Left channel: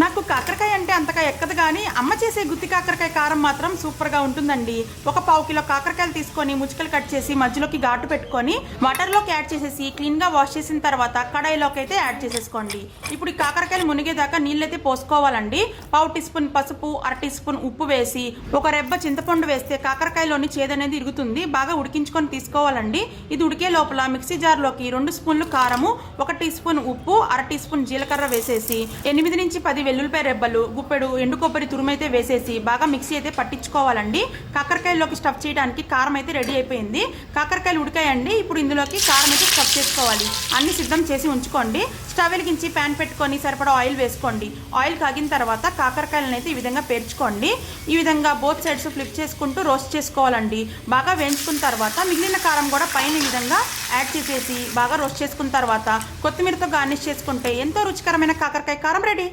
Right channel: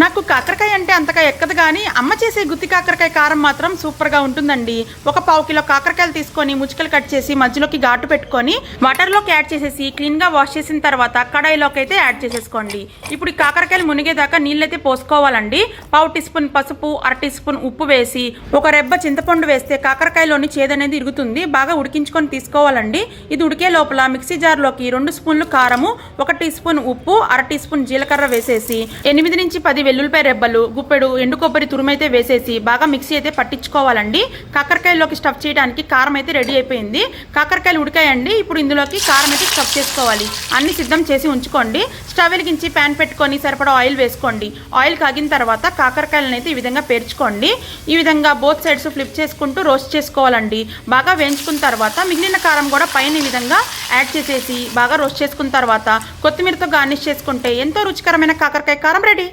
నాకు కాకరకాయ అంటే అంతగా ఎక్కదు కానీ అమ్మ చేసే గుత్తి కాకరకాయ కారం మాత్రం సూపర్గా ఉంటుందండి. ఒక పావు కిలో కాకరకాయలు తీసుకొని ముచ్చుకలు కట్ చేసి మధ్యలోకి ఘాటు పెట్టుకొని వాటర్లోకి యాడ్ చేసేసి క్లీన్గా వాష్ చేసిన తర్వాత కడాయిలోకి అయితే యాడ్ చేసేసుకోండి. ఇప్పుడు ఈ కాకరకాయలు మునిగేదాకా నీళ్ళైతే పోసుకోవాలండి. పావు టీ స్పూన్ పసుపు, అర టీ స్పూన్ ఉప్పు వేసి ఒక రెబ్బ చింతపండు వేస్తే కాకరకాయలోని చేదనేది ఇరుగుతుంది. బాగా ఉడికించుకొని తీసుకోవాలండి. ఇది ఉడికే లోపల మిక్సీ జార్లోకి 2 స్పూన్లు కారము, 1 టీ స్పూన్ ఉప్పు, అర టీ స్పూన్ జీలకర్ర వేసేసి 8 నుంచి 10 వెల్లుల్లిపాయ రెబ్బలు, గుప్పెడు ఎండు కొబ్బరి తురుమైతే వేసేసి బాగా మిక్సీ అయితే పట్టించుకోవాలండి. కాకరకాయలోకి స్టఫ్ చేయడానికి కారం అయితే రెడీ అయిపోయింది. కాకరకాయలు ఉడికాయండి. ఇప్పుడు ఇందులోకి కారం అయితే స్టఫ్ చేసుకోవాలి. అన్ని సిద్ధం చేసి ఉంచుకోండి. స్టవ్ వెలిగించి ప్యాన్ పెట్టుకొని సరిపడా ఆయిల్ వేసుకోండి. ఆయిల్ కాగిన తర్వాత కాకరకాయలను అయితే ఈ విధంగా పేర్చుకోండి. ఈ విధంగా బోత్ సైడ్స్ ఫ్లిప్ చేసుకుంటూ రోస్ట్ చేసుకోవాలండి. బాగా వేయించుకున్న తర్వాత మిగిలిన కారం కూడా పైన ఈ విధంగా యాడ్ చేసేసి బాగా రోస్ట్ చేసుకున్న తర్వాత కొత్తిమీరతో గార్నిష్ చేసుకుంటే ఎంతో రుచికరమైన కాకరకాయ కారం రెడీ.